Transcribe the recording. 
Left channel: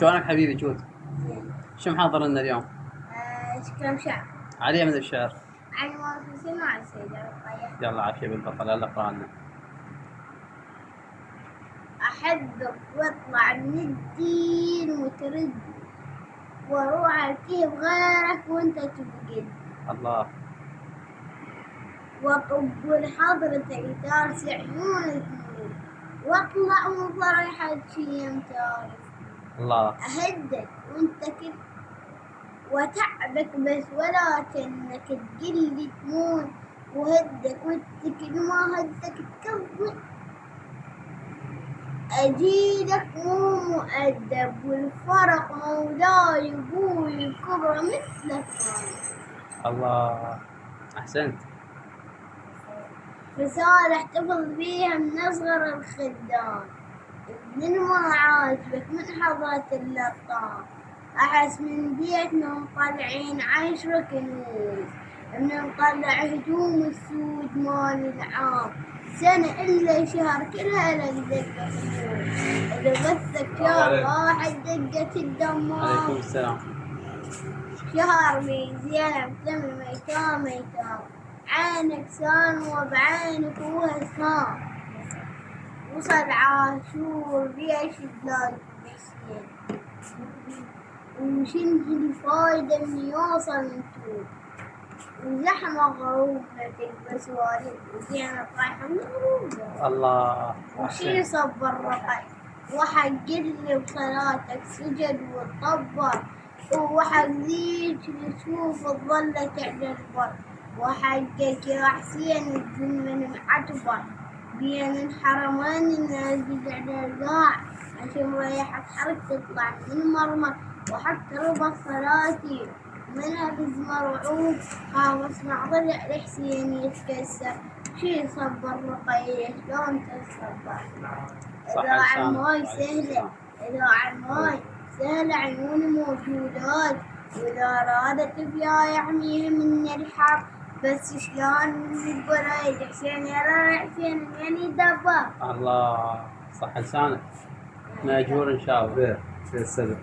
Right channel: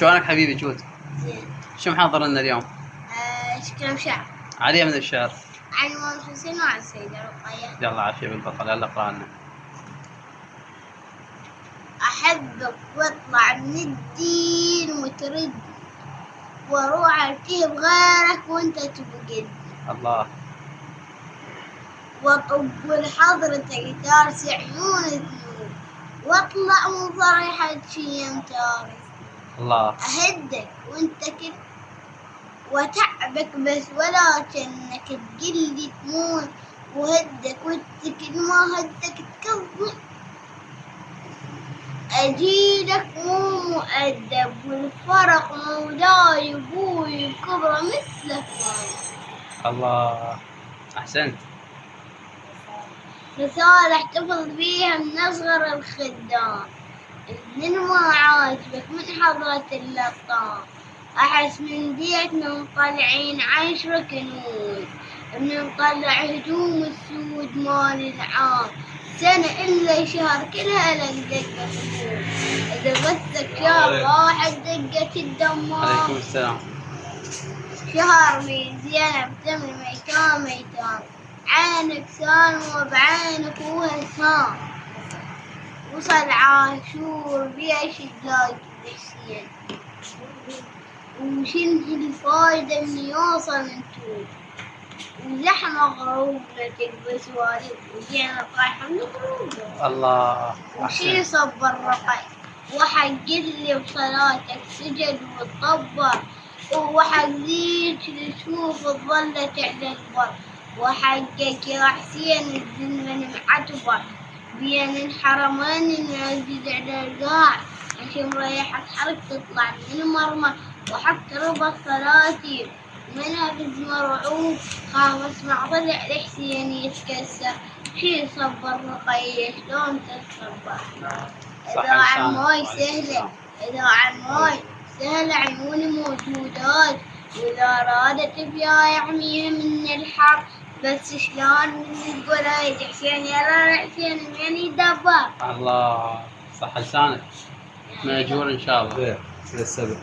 شلونك حبيبي جود؟ زين. شو محضر لنا اليوم؟ كلام شعر علي من الشعر. عن إمام الحسين وعن السيدة رقية. يلا عافية بالبطل، يلا اقرأ لنا. أحبك واطلع من الدين وترد، واروح التهب غيرك وانت تبقد. الله. واطب لحضرتك تارسي عيون الذنوب، واطلع من ضريحة شيم تارس. الله. أهدك وانت كل وتعبك بس ولا كأنك تقلي تموت، وهدك وانت كل ما هدك تكذب. أجيلك مو مؤدب والفرق مولاي أبوي الكبرى مثلك وانا. الله. أحسنت. رسالة احتفظ بيها من أصغر الخدام، من ما عاجبك من حضرة اللطام. أحس من بيتنا مطلعين 10 كنوز، بنطلع هدوم السود مال العام. سنة إلا شهر كلها لك دقة خمول، إذا غثك شهر واحد دقة الدمار. عليكم السلام. شهر بزينب تمر ميتام، عينك سالمة بعينك وهسام. وصل عاشور بيش تلاقي الحسين، وشنه الفايدة من يوصل انتو. واللحمة غروب تكبس وارد وجينا طايحة من غروب. الله. وشي صب الرقي وحق اللي بصلاتك سجد وطبر، وحق ذيك اللي تشوف الظلة على البر. وحقك يا حسين الزلمة معتبر، بين الحرمين نازل على القاع، عشان مريحك حرك تطلع من المرمى. وحق ربى صلاتي منافذ مرعوب، خاف اسمع ضلع الحسين يتكسر. شي صبر رقية شلون تتصبر؟ إذا عالماي سهلة، إذا عالماي سهلة عيوني موجودات، وإذا رادت بيا يحميها من الحر. بس شلون من القرايد حسين يا حسين من يدبر. الله. صح لسانك. مأجور إن شاء الله. زين السبع.